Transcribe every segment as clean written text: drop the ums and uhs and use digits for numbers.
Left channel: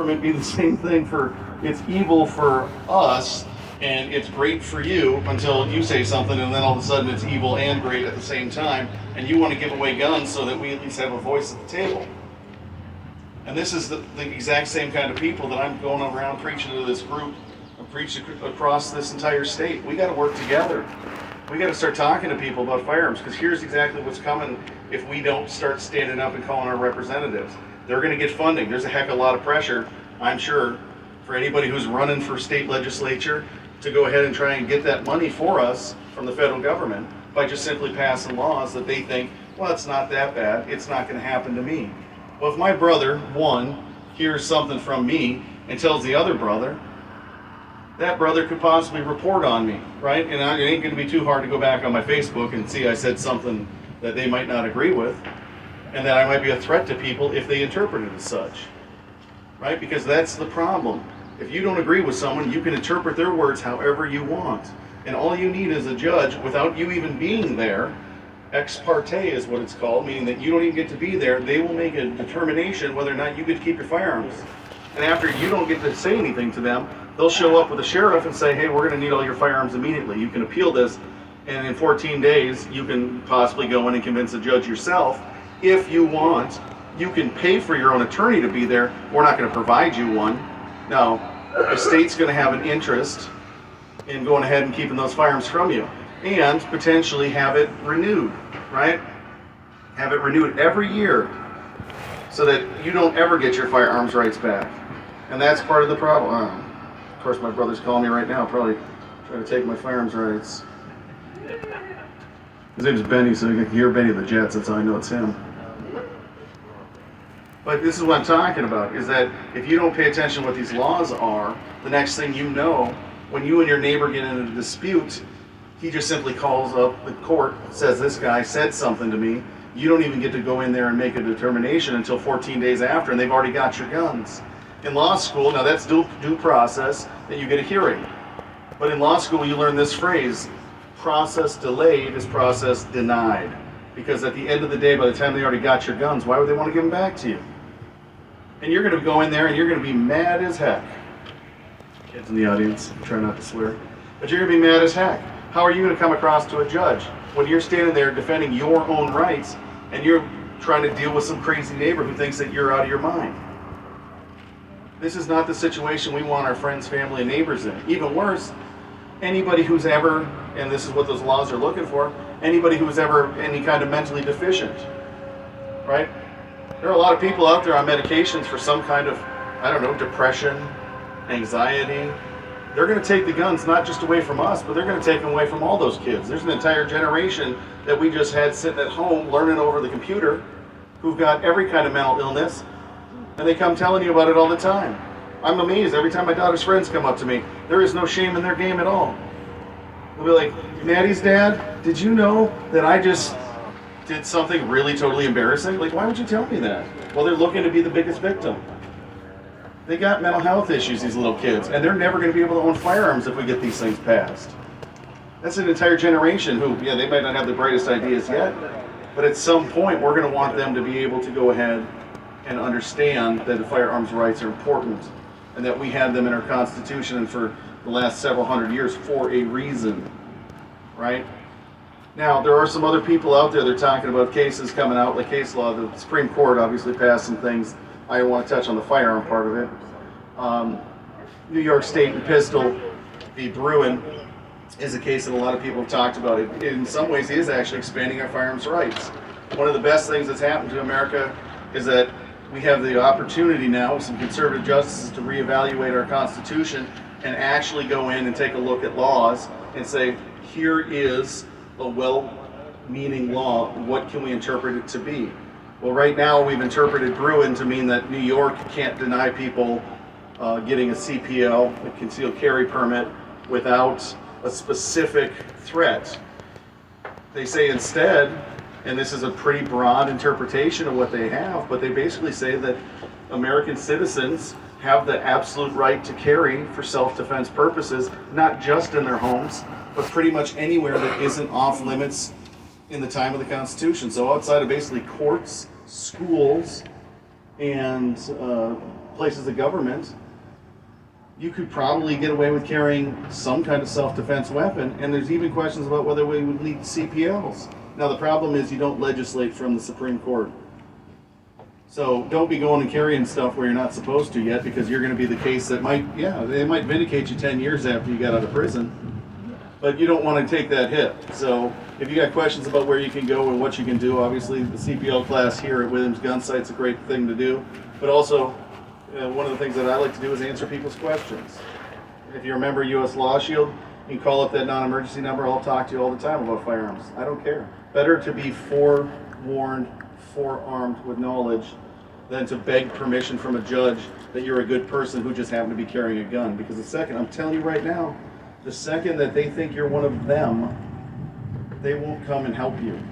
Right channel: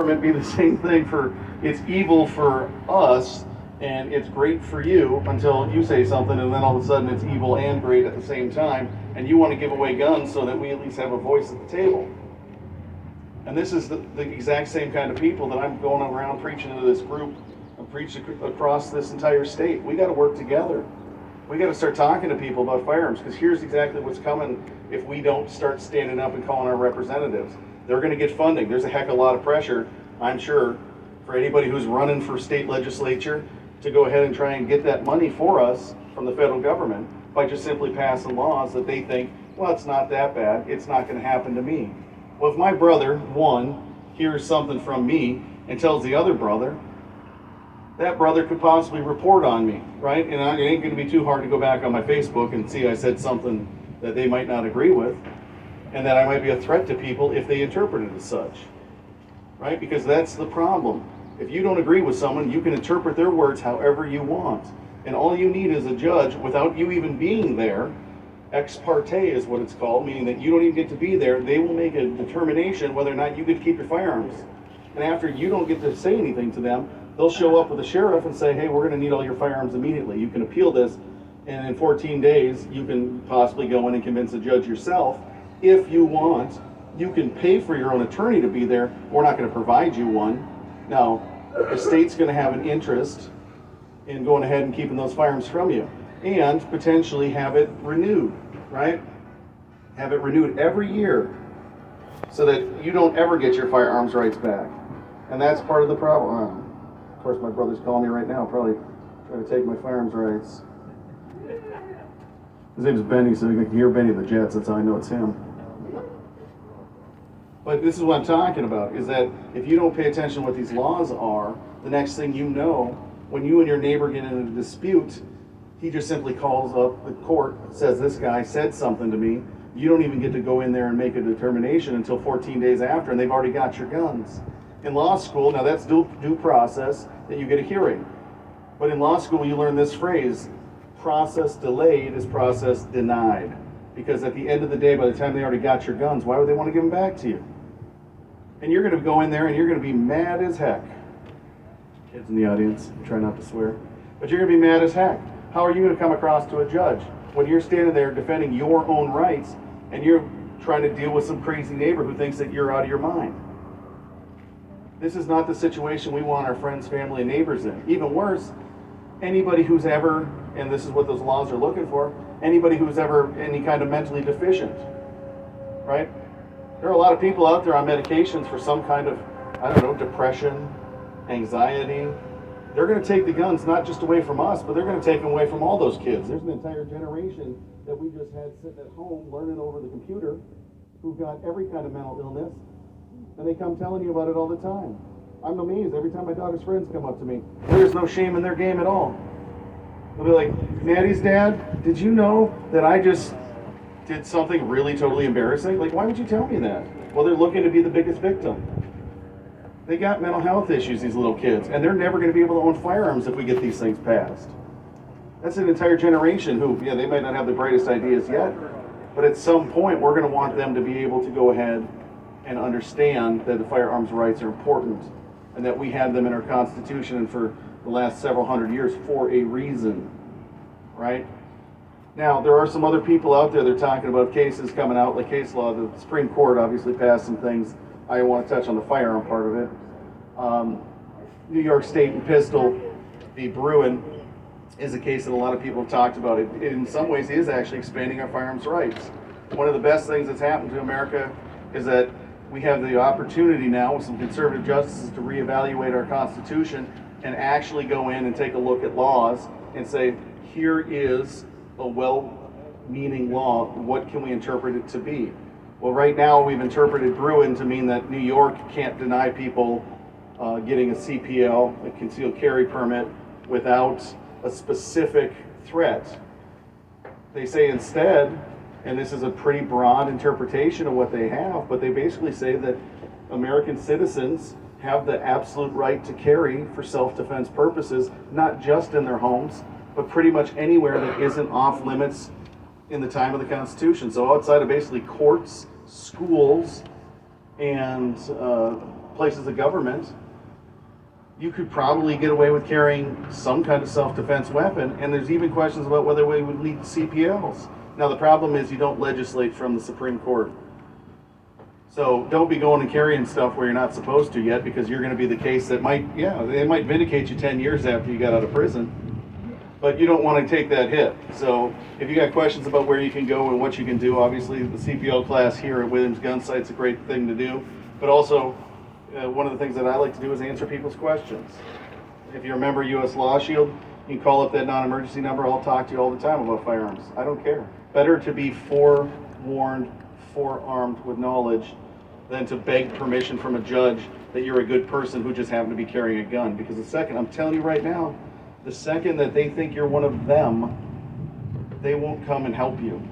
government be the same thing for, it's evil for us and it's great for you until you say something, and then all of a sudden it's evil and great at the same time, and you want to give away guns so that we at least have a voice at the table. And this is the exact same kind of people that I'm going around preaching to this group, and preaching across this entire state. We got to work together. We got to start talking to people about firearms, because here's exactly what's coming if we don't start standing up and calling our representatives. They're going to get funding. There's a heck of a lot of pressure, I'm sure, for anybody who's running for state legislature to go ahead and try and get that money for us from the federal government by just simply passing laws that they think, well, it's not that bad, it's not going to happen to me. Well, if my brother, one, hears something from me and tells the other brother, that brother could possibly report on me, right? And it ain't going to be too hard to go back on my Facebook and see I said something that they might not agree with, and that I might be a threat to people if they interpret it as such, right? Because that's the problem. If you don't agree with someone, you can interpret their words however you want. And all you need is a judge, without you even being there, ex parte is what it's called, meaning that you don't even get to be there. They will make a determination whether or not you get to keep your firearms. And after you don't get to say anything to them, they'll show up with a sheriff and say, hey, we're going to need all your firearms immediately. You can appeal this, and in 14 days, you can possibly go in and convince a judge yourself. If you want, you can pay for your own attorney to be there. We're not going to provide you one. No, the state's going to have an interest in going ahead and keeping those firearms from you, and potentially have it renewed, right? Have it renewed every year so that you don't ever get your firearms rights back. And that's part of the problem. Of course, my brother's calling me right now, probably trying to take my firearms rights. His name's Benny, so you can hear Benny the Jets, that's how I know it's him. But this is what I'm talking about, is that if you don't pay attention to what these laws are, the next thing you know, when you and your neighbor get in a dispute, he just simply calls up the court, says this guy said something to me. You don't even get to go in there and make a determination until 14 days after, and they've already got your guns. In law school, now that's due process, that you get a hearing. But in law school, you learn this phrase, process delayed is process denied. Because at the end of the day, by the time they already got your guns, why would they want to give them back to you? And you're going to go in there and you're going to be mad as heck. Kids in the audience, try not to swear. But you're going to be mad as heck. How are you going to come across to a judge when you're standing there defending your own rights and you're trying to deal with some crazy neighbor who thinks that you're out of your mind? This is not the situation we want our friends, family, and neighbors in. Even worse, anybody who's ever, and this is what those laws are looking for, anybody who's ever any kind of mentally deficient, right? There are a lot of people out there on medications for some kind of, I don't know, depression, anxiety. They're going to take the guns not just away from us, but they're going to take them away from all those kids. There's an entire generation that we just had sitting at home learning over the computer who've got every kind of mental illness, and they come telling you about it all the time. I'm amazed every time my daughter's friends come up to me. There is no shame in their game at all. They'll be like, Maddie's dad, did you know that I just did something really totally embarrassing? Like, why would you tell me that? Well, they're looking to be the biggest victim. They got mental health issues, these little kids, and they're never going to be able to own firearms if we get these things passed. That's an entire generation who, yeah, they might not have the brightest ideas yet, but at some point we're going to want them to be able to go ahead and understand that the firearms rights are important and that we had them in our Constitution and for the last several hundred years for a reason, right? Now, there are some other people out there that are talking about cases coming out, like case law. The Supreme Court obviously passed some things. I don't want to touch on the firearm part of it. New York State and Pistol v. Bruin is a case that a lot of people have talked about. It, in some ways, it is actually expanding our firearms rights. One of the best things that's happened to America is that we have the opportunity now with some conservative justices to reevaluate our Constitution and actually go in and take a look at laws and say, here is a well-meaning law, what can we interpret it to be? Well, right now we've interpreted Bruin to mean that New York can't deny people getting a CPL, a concealed carry permit, without a specific threat. They say instead, and this is a pretty broad interpretation of what they have, but they basically say that American citizens have the absolute right to carry for self-defense purposes, not just in their homes, but pretty much anywhere that isn't off limits in the time of the Constitution. So outside of basically courts, schools, and places of government, you could probably get away with carrying some kind of self-defense weapon, and there's even questions about whether we would need CPLs. Now the problem is you don't legislate from the Supreme Court. So don't be going and carrying stuff where you're not supposed to yet, because you're going to be the case that might, they might vindicate you 10 years after you got out of prison. But you don't want to take that hit. So if you got questions about where you can go and what you can do, obviously the CPL class here at Williams Gun Site's a great thing to do. But also, one of the things that I like to do is answer people's questions. If you remember US Law Shield, you can call up that non-emergency number. I'll talk to you all the time about firearms. I don't care. Better to be forewarned, forearmed with knowledge than to beg permission from a judge that you're a good person who just happened to be carrying a gun. Because the second, I'm telling you right now, the second that they think you're one of them, they won't come and help you.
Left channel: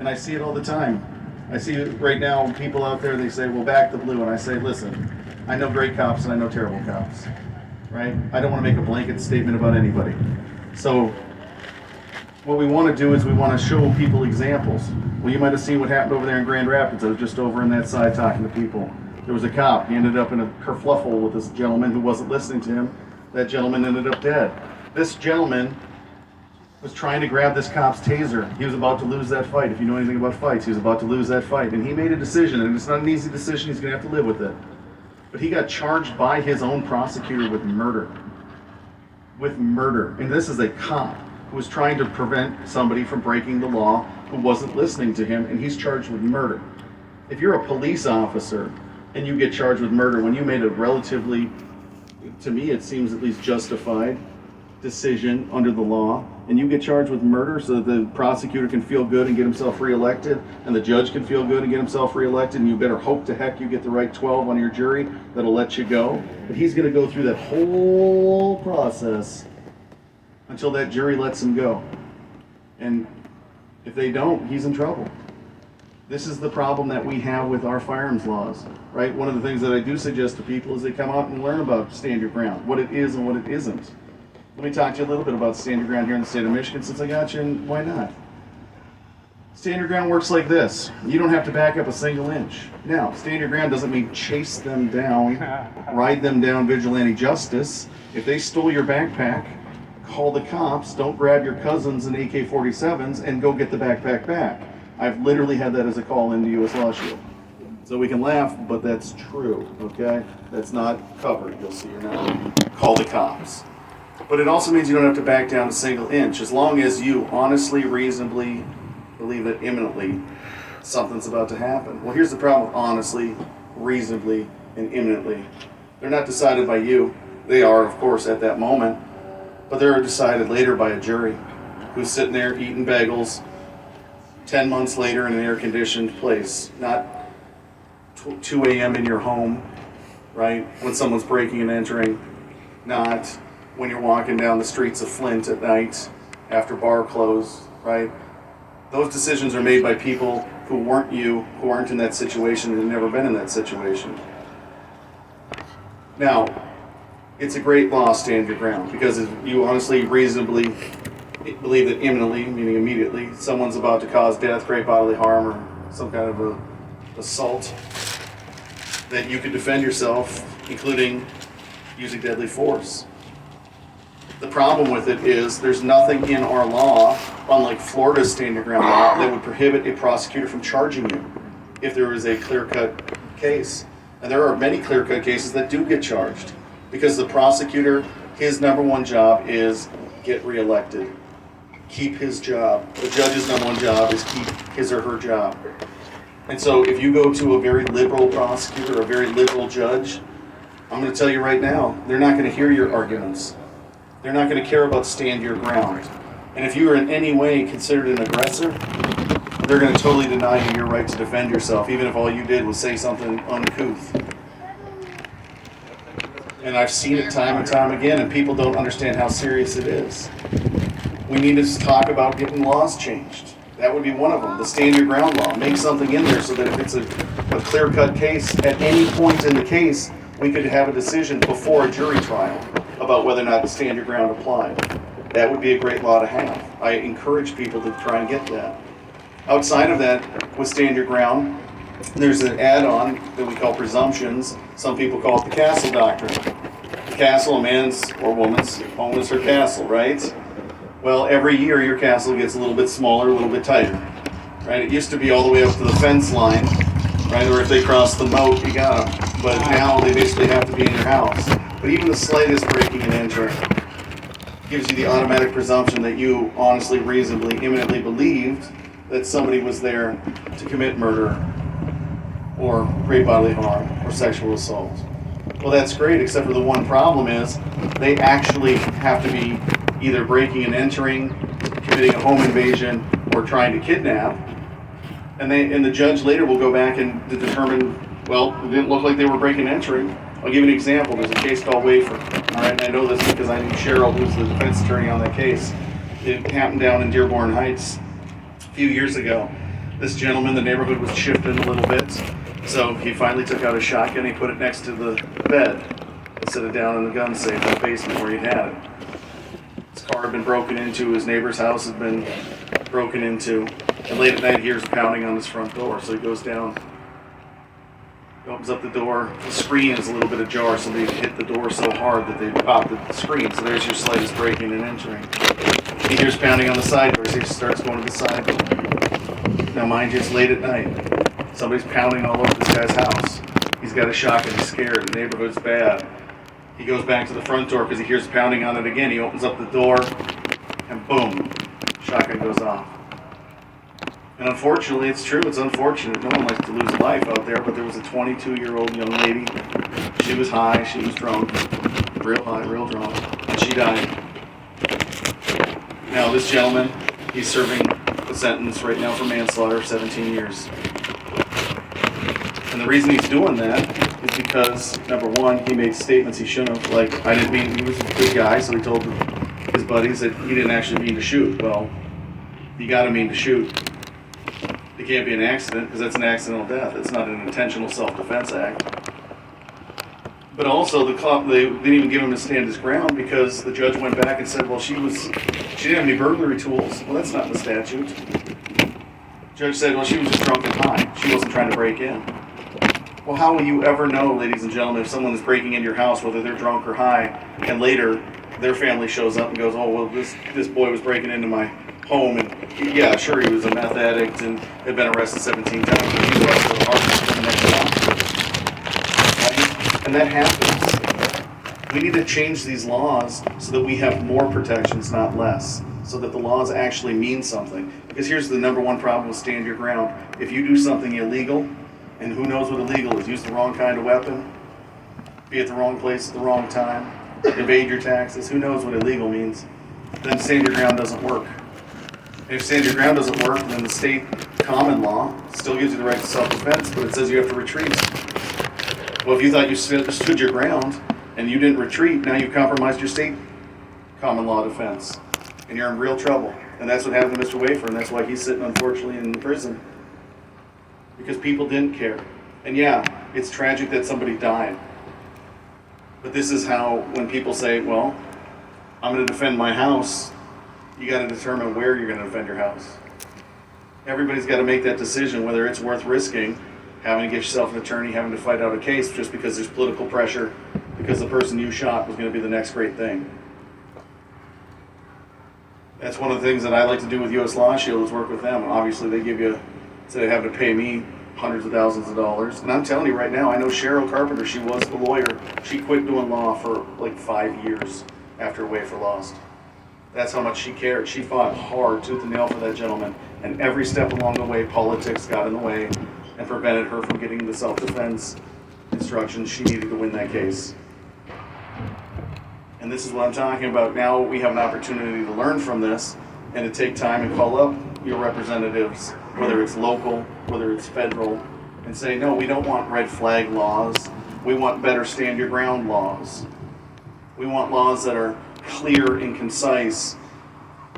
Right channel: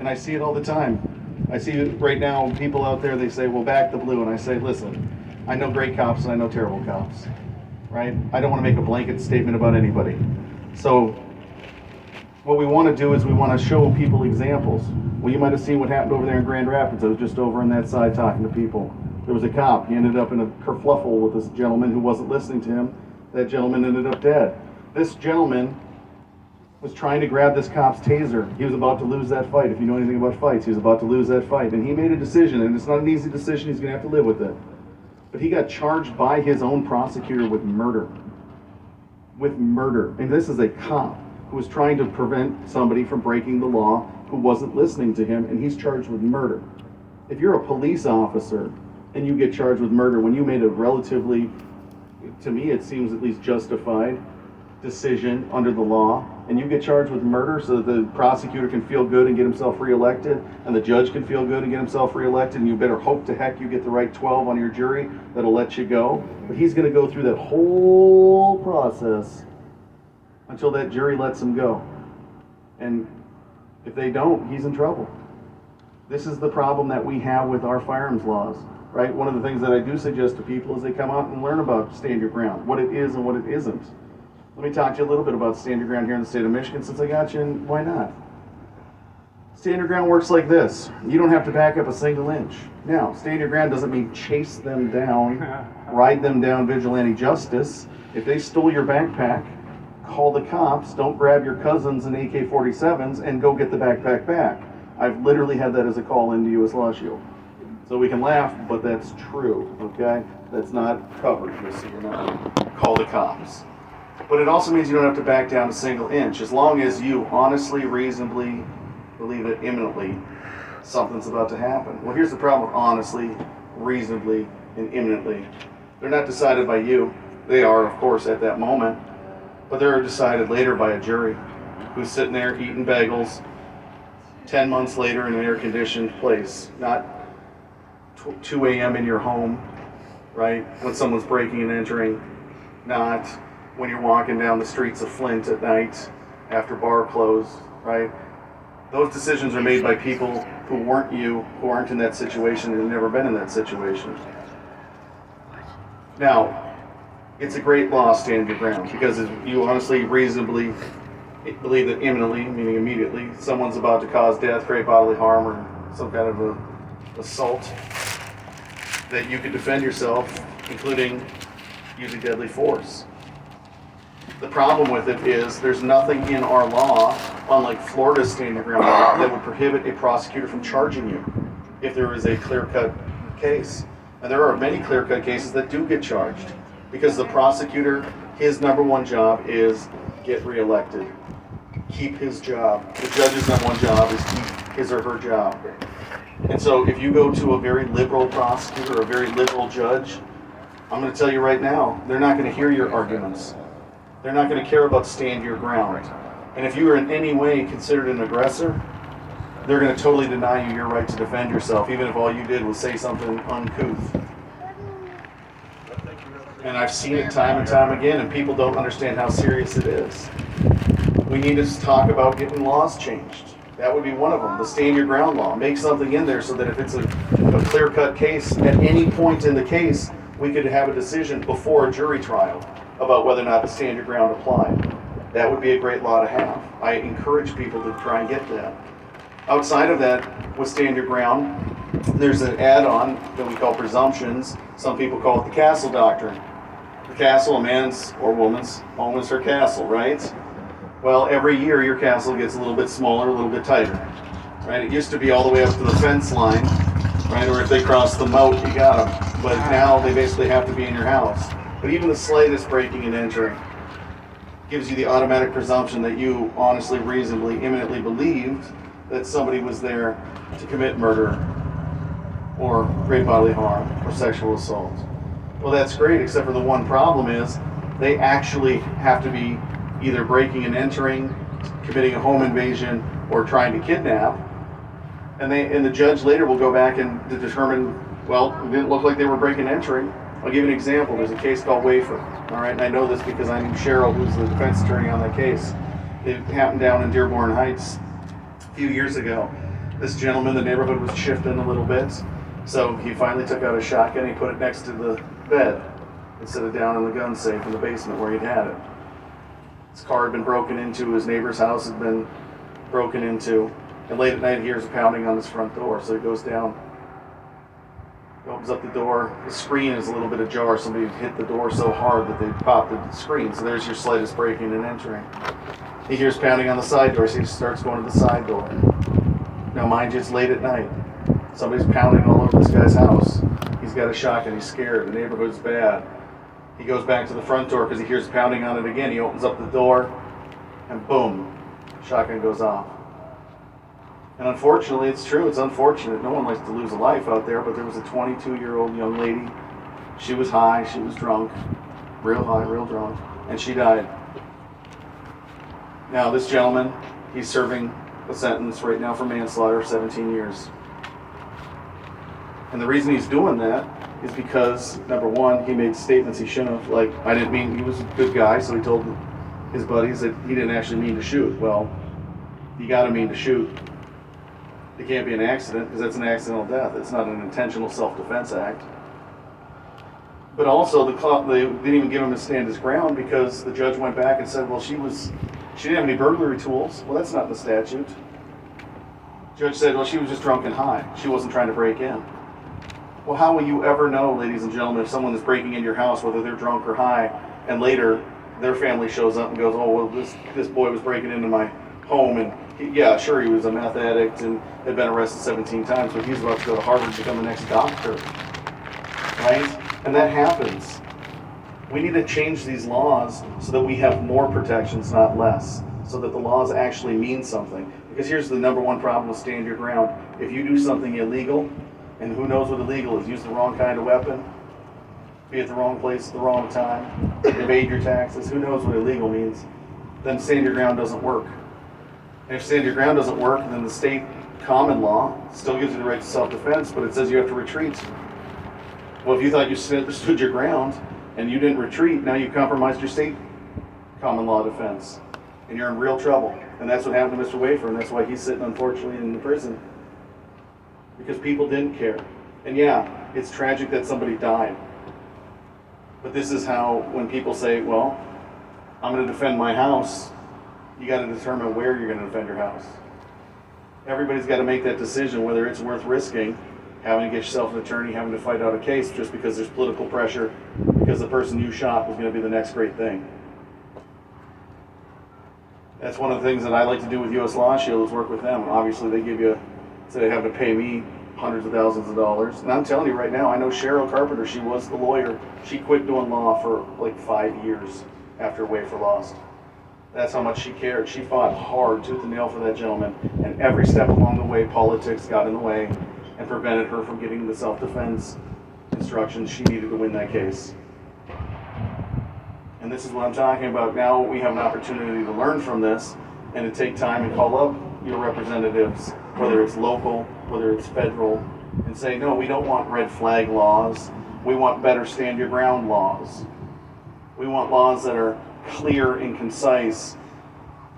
And I see it all the time. I see it right now, people out there, they say, well, back the blue. And I say, listen, I know great cops and I know terrible cops, right? I don't want to make a blanket statement about anybody. So what we want to do is we want to show people examples. Well, you might have seen what happened over there in Grand Rapids. I was just over on that side talking to people. There was a cop. He ended up in a kerfluffle with this gentleman who wasn't listening to him. That gentleman ended up dead. This gentleman was trying to grab this cop's taser. He was about to lose that fight. If you know anything about fights, he was about to lose that fight. And he made a decision, and it's not an easy decision. He's going to have to live with it. But he got charged by his own prosecutor with murder. With murder. And this is a cop who was trying to prevent somebody from breaking the law, who wasn't listening to him, and he's charged with murder. If you're a police officer and you get charged with murder when you made a relatively, to me it seems at least justified, decision under the law, and you get charged with murder so that the prosecutor can feel good and get himself reelected, and the judge can feel good and get himself reelected, and you better hope to heck you get the right 12 on your jury that'll let you go. But he's going to go through that whole process until that jury lets him go. And if they don't, he's in trouble. This is the problem that we have with our firearms laws, right? One of the things that I do suggest to people is they come out and learn about stand your ground, what it is and what it isn't. Let me talk to you a little bit about stand your ground here in the state of Michigan, since I got you, and why not? Stand your ground works like this. You don't have to back up a single inch. Now, stand your ground doesn't mean chase them down, ride them down, vigilante justice. If they stole your backpack, call the cops, don't grab your cousins and AK-47s and go get the backpack back. I've literally had that as a call into US Law Shield. So we can laugh, but that's true, okay? That's not covered, so you're not call the cops. But it also means you don't have to back down a single inch, as long as you honestly, reasonably believe that imminently something's about to happen. Well, here's the problem with honestly, reasonably, and imminently. They're not decided by you. They are, of course, at that moment, but they're decided later by a jury who's sitting there eating bagels 10 months later in an air-conditioned place, not 2 a.m. in your home, right, when someone's breaking and entering, not when you're walking down the streets of Flint at night after bar close, right? Those decisions are made by people who weren't you, who aren't in that situation and have never been in that situation. Now, it's a great law, stand your ground, because if you honestly, reasonably believe that imminently, meaning immediately, someone's about to cause death, great bodily harm, or some kind of a assault, that you could defend yourself, including using deadly force. The problem with it is there's nothing in our law, unlike Florida's stand your ground law, that would prohibit a prosecutor from charging you if there is a clear-cut case. And there are many clear-cut cases that do get charged, because the prosecutor, his number one job is get reelected. Keep his job. The judge's number one job is keep his or her job. And so if you go to a very liberal prosecutor or a very liberal judge, I'm going to tell you right now, they're not going to hear your arguments. They're not going to care about stand your ground. And if you are in any way considered an aggressor, they're going to totally deny you your right to defend yourself, even if all you did was say something uncouth. And I've seen it time and time again, and people don't understand how serious it is. We need to talk about getting laws changed. That would be one of them, the stand your ground law. Make something in there so that if it's a clear-cut case, at any point in the case, we could have a decision before a jury trial about whether or not the stand your ground applied. That would be a great law to have. I encourage people to try and get that. Outside of that, with stand your ground, there's an add-on that we call presumptions, Some people call it the castle doctrine. The castle, a man's or woman's home is her castle, right? Well, every year your castle gets a little bit smaller, a little bit tighter, right? It used to be all the way up to the fence line, right? Or if they cross the moat, you got them. But now they basically have to be in your house. But even the slightest breaking and entering gives you the automatic presumption that you honestly, reasonably, imminently believed that somebody was there to commit murder or great bodily harm or sexual assault. Well, that's great, except for the one problem is they actually have to be either breaking and entering, committing a home invasion, or trying to kidnap. And the judge later will go back and determine, well, it didn't look like they were breaking and entering. I'll give you an example. There's a case called Wafer. All right, and I know this because I knew Cheryl, who's the defense attorney on that case. It happened down in Dearborn Heights a few years ago. This gentleman, the neighborhood was shifting a little bit, so he finally took out a shotgun. He put it next to the bed instead of down in the gun safe in the basement where he had it. His car had been broken into. His neighbor's house had been broken into. And late at night, he hears pounding on his front door, so he goes down. He opens up the door. The screen is a little bit ajar. Somebody hit the door so hard that they popped the screen. So there's your slightest breaking and entering. He hears pounding on the side door, so he starts going to the side door. Now, mind you, it's late at night. Somebody's pounding all over this guy's house. He's got a shotgun. He's scared. The neighborhood's bad. He goes back to the front door because he hears pounding on it again. He opens up the door, and boom, shotgun goes off. And unfortunately, it's true, it's unfortunate. No one likes to lose a life out there, but there was a 22-year-old young lady. She was high, she was drunk, real high, real drunk, and she died. Now, this gentleman, he's serving a sentence right now for manslaughter of 17 years. And the reason he's doing that is because, number one, he made statements he shouldn't have. Like, I didn't mean, he was a good guy, so he told his buddies that he didn't actually mean to shoot. Well, you gotta mean to shoot. It can't be an accident because that's an accidental death. It's not an intentional self-defense act. But also, they didn't even give him to stand his ground because the judge went back and said, well, she didn't have any burglary tools. Well, that's not in the statute. Judge said, well, she was just drunk and high. She wasn't trying to break in. Well, how will you ever know, ladies and gentlemen, if someone is breaking into your house, whether they're drunk or high, and later their family shows up and goes, oh, well, this boy was breaking into my home, and yeah, sure, he was a meth addict and had been arrested 17 times, but he's arrested with a Harvard coming next to Oxford, right? And that happens. We need to change these laws so that we have more protections, not less, so that the laws actually mean something. Because here's the number one problem with stand your ground. If you do something illegal, and who knows what illegal is, use the wrong kind of weapon, be at the wrong place at the wrong time, evade your taxes, who knows what illegal means, then stand your ground doesn't work. And if stand your ground doesn't work, then the state common law still gives you the right to self-defense, but it says you have to retreat. Well, if you thought you stood your ground and you didn't retreat, now you've compromised your state common law defense. And you're in real trouble. And that's what happened to Mr. Wafer, and that's why he's sitting, unfortunately, in the prison. Because people didn't care. And yeah, it's tragic that somebody died. But this is how, when people say, well, I'm going to defend my house, you got to determine where you're going to defend your house. Everybody's got to make that decision, whether it's worth risking having to get yourself an attorney, having to fight out a case just because there's political pressure, because the person you shot was going to be the next great thing. That's one of the things that I like to do with U.S. Law Shield is work with them. Obviously, they give you, so they have to pay me hundreds of thousands of dollars. And I'm telling you right now, I know Cheryl Carpenter, she was the lawyer. She quit doing law for like 5 years after Wafer lost. That's how much she cared. She fought hard, tooth and nail for that gentleman. And every step along the way, politics got in the way and prevented her from getting the self-defense instructions she needed to win that case. And this is what I'm talking about. Now we have an opportunity to learn from this and to take time and call up your representatives, whether it's local, whether it's federal, and say, no, we don't want red flag laws. We want better stand your ground laws. We want laws that are clear and concise.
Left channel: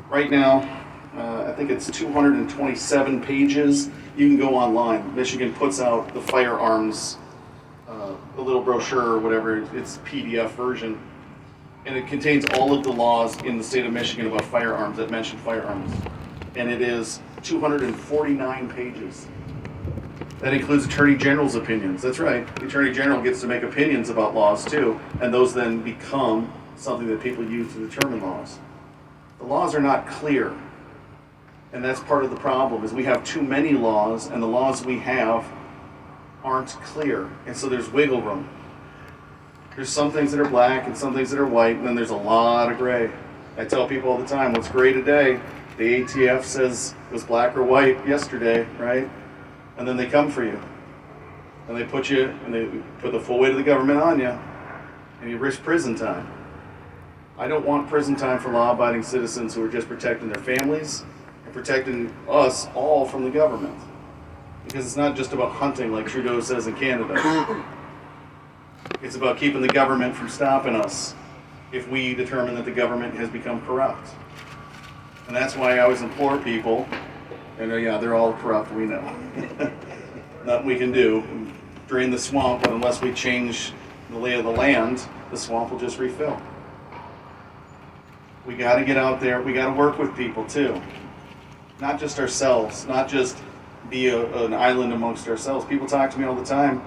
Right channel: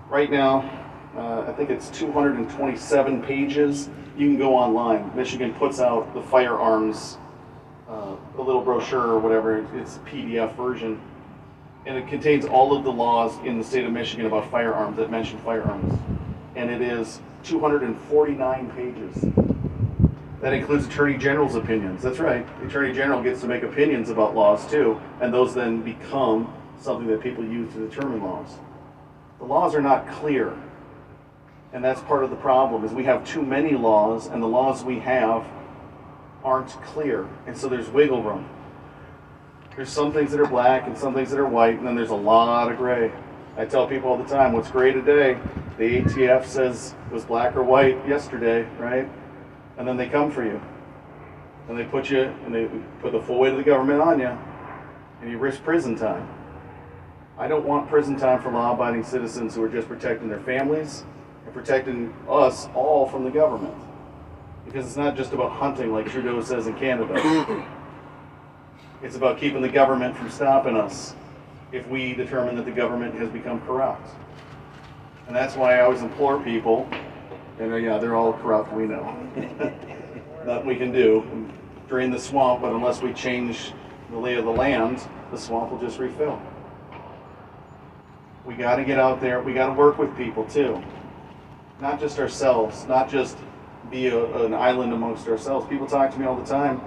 Right now, I think it's 227 pages. You can go online. Michigan puts out the firearms, a little brochure or whatever. It's a PDF version. And it contains all of the laws in the state of Michigan about firearms that mention firearms. And it is 249 pages. That includes Attorney General's opinions. That's right. The Attorney General gets to make opinions about laws too, and those then become something that people use to determine laws. The laws are not clear, and that's part of the problem, is we have too many laws, and the laws we have aren't clear, and so there's wiggle room. There's some things that are black and some things that are white, and then there's a lot of gray. I tell people all the time, what's gray today, the ATF says was black or white yesterday, right? And then they come for you. And they put the full weight of the government on you, and you risk prison time. I don't want prison time for law-abiding citizens who are just protecting their families and protecting us all from the government. Because it's not just about hunting like Trudeau says in Canada. It's about keeping the government from stopping us if we determine that the government has become corrupt. And that's why I always implore people, and yeah, they're all corrupt, we know. Nothing we can do, drain the swamp, but unless we change the lay of the land, the swamp will just refill. We got to get out there, we got to work with people too. Not just ourselves, not just be an island amongst ourselves. People talk to me all the time,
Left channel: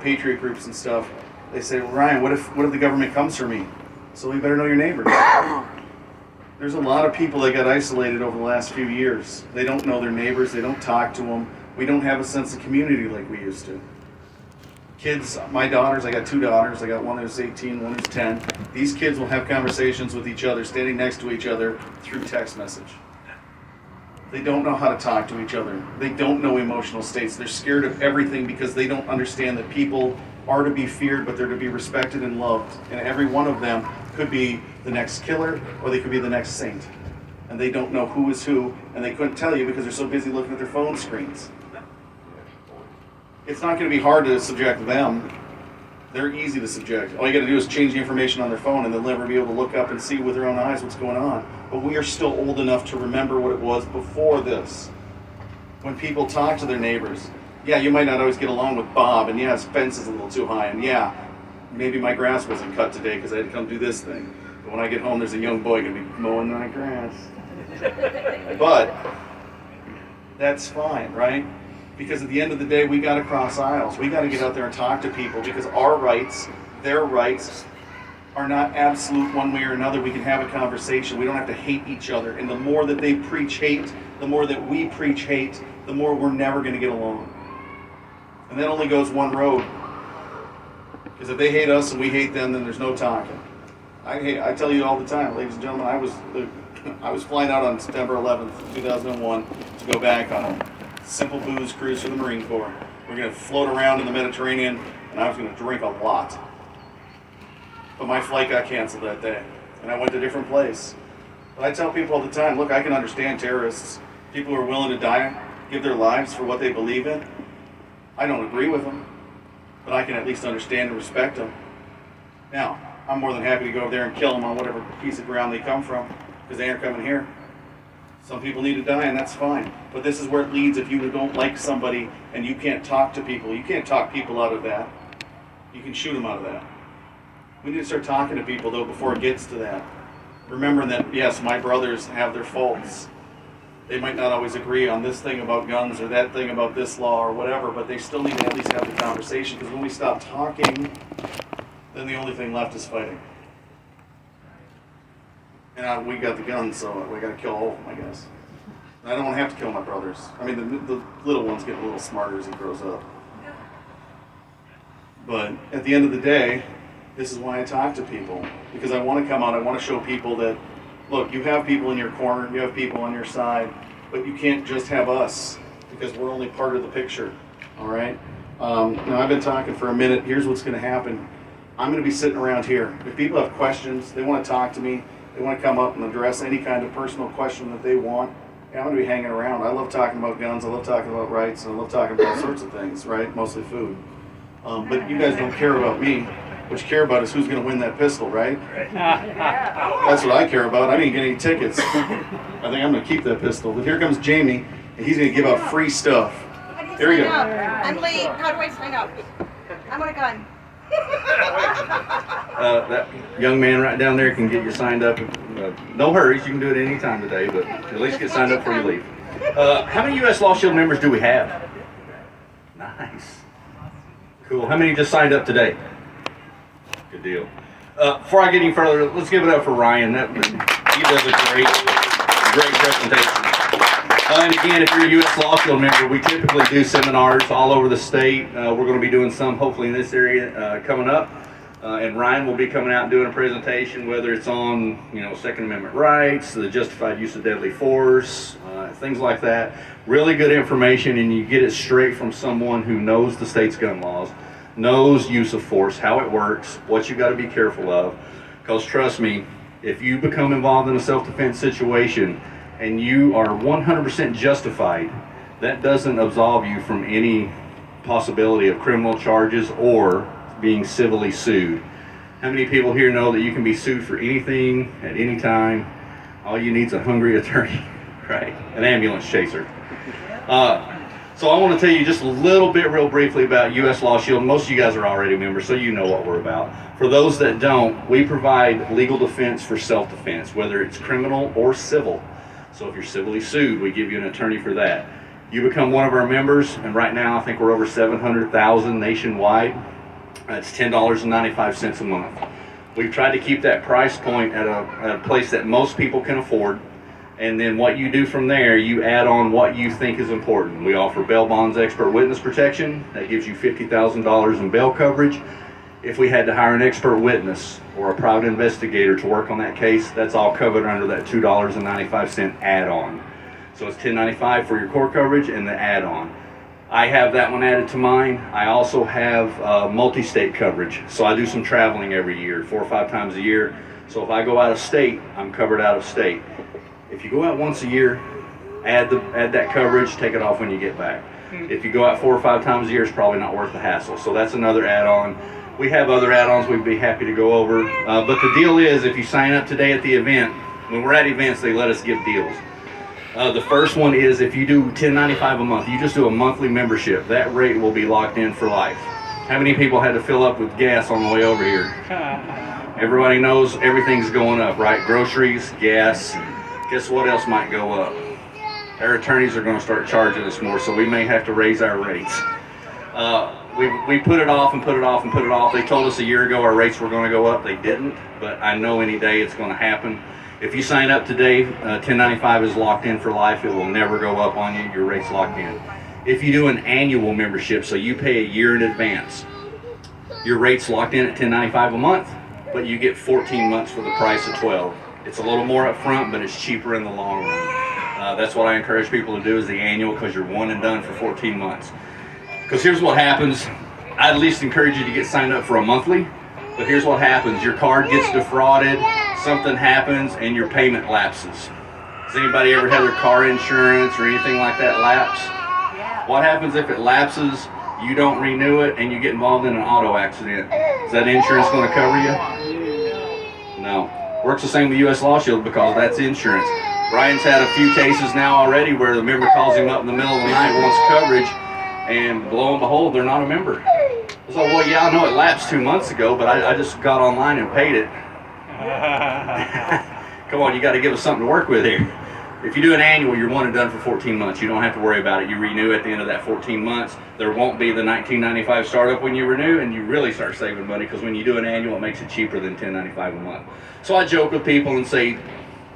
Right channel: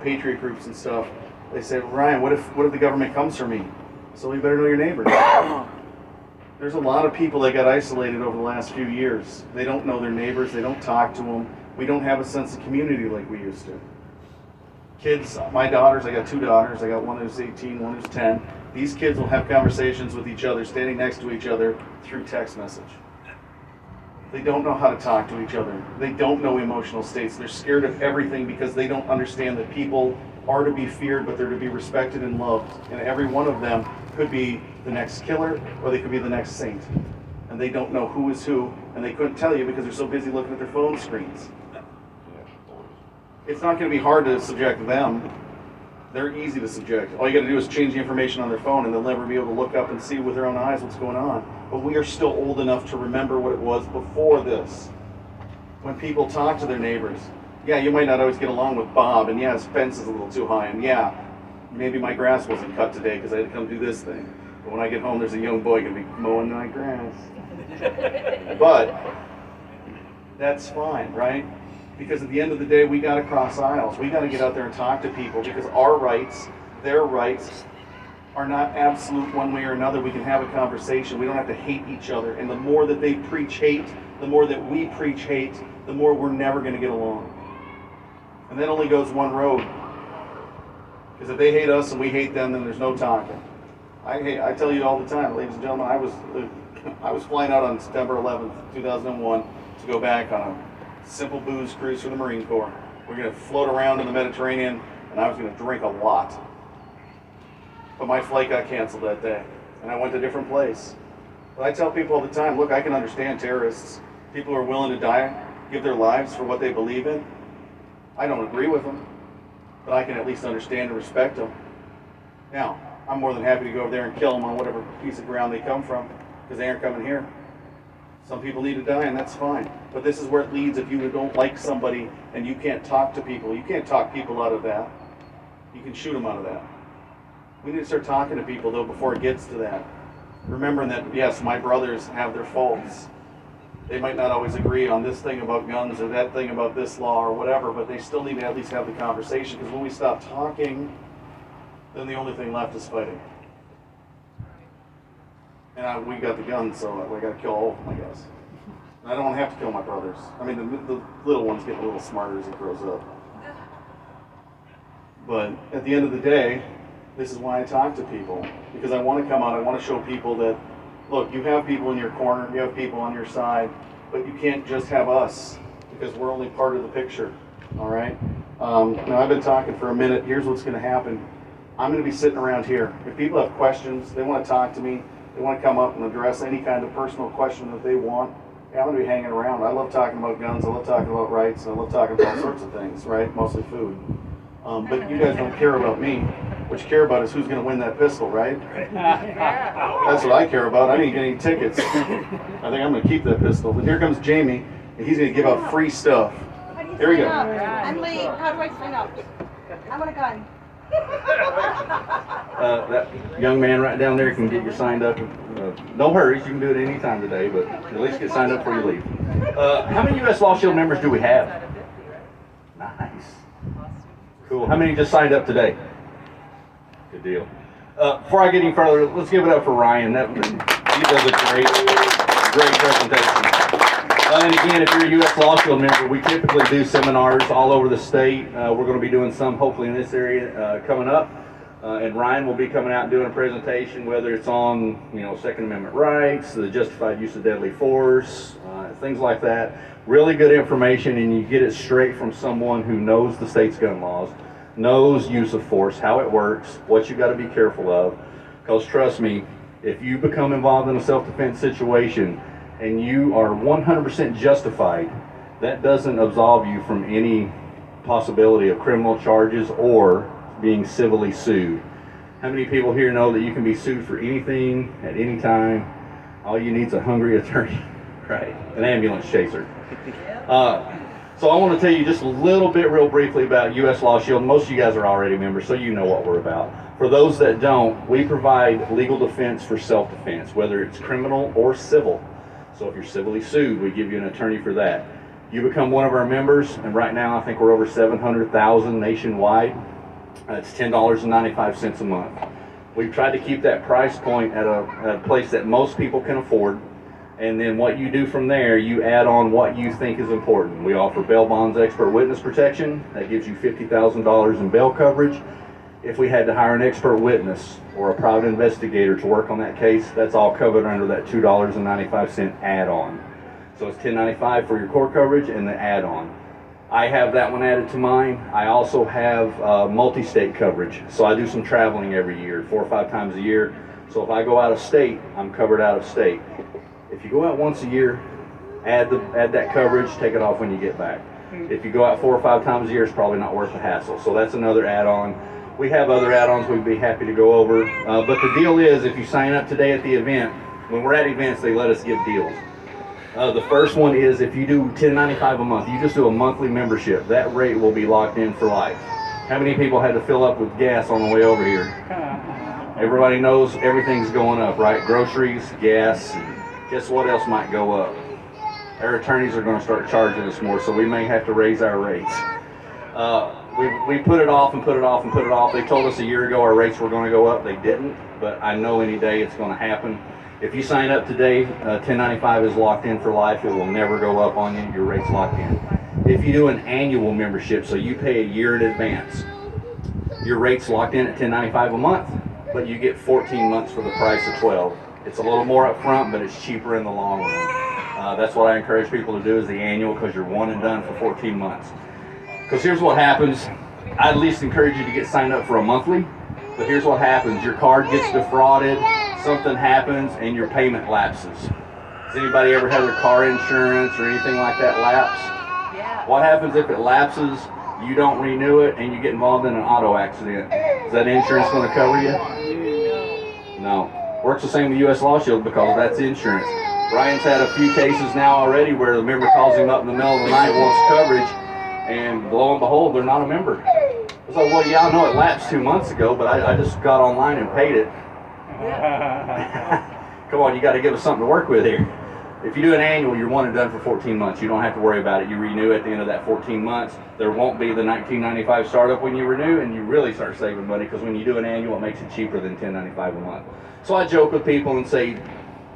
patriot groups and stuff. They say, well, Ryan, what if the government comes for me? So you better know your neighbors. There's a lot of people that got isolated over the last few years. They don't know their neighbors, they don't talk to them. We don't have a sense of community like we used to. Kids, my daughters, I got 2 daughters, I got one who's 18, one who's 10. These kids will have conversations with each other, standing next to each other through text message. They don't know how to talk to each other. They don't know emotional states. They're scared of everything because they don't understand that people are to be feared, but they're to be respected and loved. And every one of them could be the next killer, or they could be the next saint. And they don't know who is who, and they couldn't tell you because they're so busy looking at their phone screens. It's not going to be hard to subject them. They're easy to subject. All you got to do is change the information on their phone, and they'll never be able to look up and see with their own eyes what's going on. But we are still old enough to remember what it was before this. When people talk to their neighbors, yeah, you might not always get along with Bob, and yeah, his fence is a little too high, and yeah, maybe my grass wasn't cut today because I had to come do this thing. But when I get home, there's a young boy going to be mowing my grass. But that's fine, right? Because at the end of the day, we got to cross aisles. We got to get out there and talk to people because our rights, their rights, are not absolute one way or another. We can have a conversation. We don't have to hate each other. And the more that they preach hate, the more that we preach hate, the more we're never going to get along. And that only goes one road. Because if they hate us and we hate them, then there's no talking. I tell you all the time, ladies and gentlemen, I was flying out on September 11th, 2001 to go back on a simple booze cruise for the Marine Corps. We're going to float around in the Mediterranean, and I was going to drink a lot. But my flight got canceled that day, and I went to a different place. But I tell people all the time, look, I can understand terrorists, people who are willing to die, give their lives for what they believe in. I don't agree with them, but I can at least understand and respect them. Now, I'm more than happy to go over there and kill them on whatever piece of ground they come from, because they aren't coming here. Some people need to die, and that's fine. But this is where it leads if you don't like somebody and you can't talk to people. You can't talk people out of that. You can shoot them out of that. We need to start talking to people, though, before it gets to that. Remembering that, yes, my brothers have their faults. They might not always agree on this thing about guns or that thing about this law or whatever, but they still need to at least have the conversation, because when we stop talking, then the only thing left is fighting. And we got the guns, so we got to kill all of them, I guess. And I don't want to have to kill my brothers. I mean, the little one's getting a little smarter as he grows up. But at the end of the day, this is why I talk to people. Because I want to come out, I want to show people that, look, you have people in your corner, you have people on your side, but you can't just have us, because we're only part of the picture, all right? Now, I've been talking for a minute. Here's what's going to happen. I'm going to be sitting around here. If people have questions, they want to talk to me, they want to come up and address any kind of personal question that they want, I'm going to be hanging around. I love talking about guns, I love talking about rights, and I love talking about all sorts of things, right? Mostly food. But you guys don't care about me. What you care about is who's going to win that pistol, right? That's what I care about. I didn't get any tickets. I think I'm going to keep that pistol. But here comes Jamie, and he's going to give out free stuff. Here we go. I'm late. How do I sign up? I want a gun. That young man right down there can get you signed up. No hurries, you can do it any time today, but at least get signed up before you leave. How many U.S. Law Shield members do we have? Cool. How many just signed up today? Good deal. Before I get any further, let's give it up for Ryan. He does a great presentation. And again, if you're a U.S. Law Shield member, we typically do seminars all over the state. We're going to be doing some hopefully in this area coming up. And Ryan will be coming out and doing a presentation, whether it's on, Second Amendment rights, the justified use of deadly force, things like that. Really good information, and you get it straight from someone who knows the state's gun laws, knows use of force, how it works, what you got to be careful of. Because trust me, if you become involved in a self-defense situation and you are 100% justified, that doesn't absolve you from any possibility of criminal charges or being civilly sued. How many people here know that you can be sued for anything at any time? All you need is a hungry attorney, right? An ambulance chaser. So I want to tell you just a little bit real briefly about U.S. Law Shield. Most of you guys are already members, so you know what we're about. For those that don't, we provide legal defense for self-defense, whether it's criminal or civil. So if you're civilly sued, we give you an attorney for that. You become one of our members, and right now I think we're over 700,000 nationwide. That's $10.95 a month. We've tried to keep that price point at a place that most people can afford. And then what you do from there, you add on what you think is important. We offer bail bonds, expert witness protection. That gives you $50,000 in bail coverage. If we had to hire an expert witness or a private investigator to work on that case, that's all covered under that $2.95 add-on. So it's $10.95 for your core coverage and the add-on. I have that one added to mine. I also have multi-state coverage. So I do some traveling every year, 4 or 5 times a year. So if I go out of state, I'm covered out of state. If you go out once a year, add that coverage, take it off when you get back. If you go out 4 or 5 times a year, it's probably not worth the hassle. So that's another add-on. We have other add-ons we'd be happy to go over. But the deal is, if you sign up today at the event, when we're at events, they let us give deals. The first one is if you do $10.95 a month, you just do a monthly membership, that rate will be locked in for life. How many people had to fill up with gas on the way over here? Everybody knows everything's going up, right? Groceries, gas. Guess what else might go up? Our attorneys are going to start charging us more, so we may have to raise our rates. We put it off and put it off and put it off. They told us a year ago our rates were going to go up. They didn't, but I know any day it's going to happen. If you sign up today, $10.95 is locked in for life. It will never go up on you. Your rate's locked in. If you do an annual membership, so you pay a year in advance, your rate's locked in at $10.95 a month, but you get 14 months for the price of 12. It's a little more up front, but it's cheaper in the long run. That's what I encourage people to do is the annual, because you're one and done for 14 months. Because here's what happens. I at least encourage you to get signed up for a monthly, but here's what happens. Your card gets defrauded, something happens, and your payment lapses. Has anybody ever had their car insurance or anything like that lapse? What happens if it lapses, you don't renew it, and you get involved in an auto accident? Is that insurance going to cover you? No. Works the same with U.S. Law Shield because that's insurance. Ryan's had a few cases now already where the member calls him up in the middle of the night, wants coverage, and lo and behold, they're not a member. It's like, well, yeah, I know it lapsed 2 months ago, but I just got online and paid it. Come on, you got to give us something to work with here. If you do an annual, you're one and done for 14 months. You don't have to worry about it. You renew at the end of that 14 months. There won't be the $19.95 startup when you renew, and you really start saving money because when you do an annual, it makes it cheaper than $10.95 a month. So I joke with people and say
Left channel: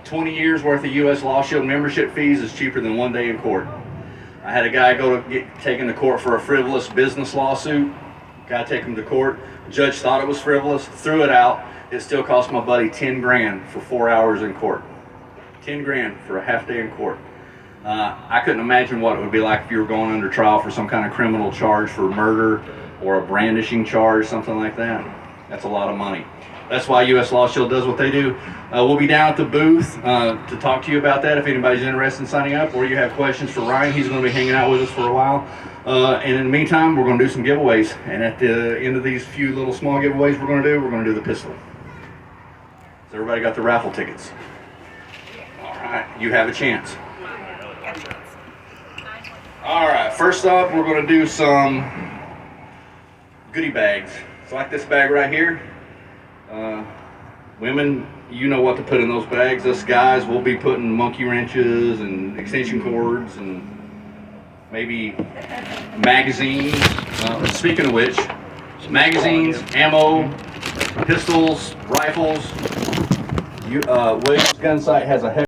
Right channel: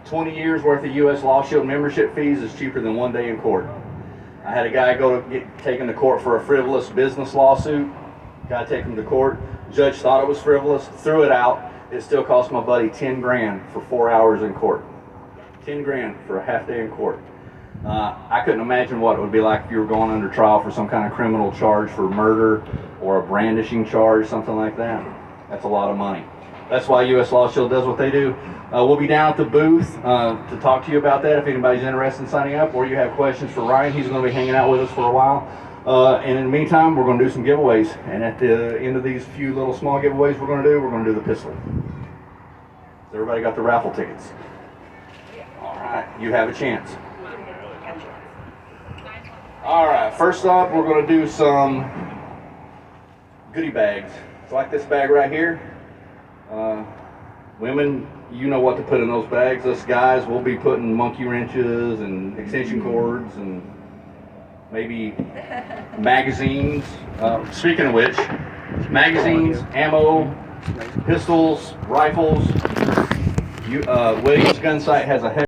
20 years worth of U.S. Law Shield membership fees is cheaper than 1 day in court. I had a guy go to get taken to court for a frivolous business lawsuit. Guy take him to court. Judge thought it was frivolous, threw it out. It still cost my buddy 10 grand for 4 hours in court. 10 grand for a half day in court. I couldn't imagine what it would be like if you were going under trial for some kind of criminal charge for murder or a brandishing charge, something like that. That's a lot of money. That's why U.S. Law Shield does what they do. We'll be down at the booth to talk to you about that if anybody's interested in signing up, or you have questions for Ryan. He's going to be hanging out with us for a while. And in the meantime, we're going to do some giveaways. And at the end of these few little small giveaways we're going to do the pistol. So everybody got the raffle tickets? All right, you have a chance. All right, first up, we're going to do some goodie bags. It's like this bag right here. Women, you know what to put in those bags. Us guys, we'll be putting monkey wrenches and extension cords and maybe magazines. Speaking of which, magazines, ammo, pistols, rifles. Williams Gun Sight has a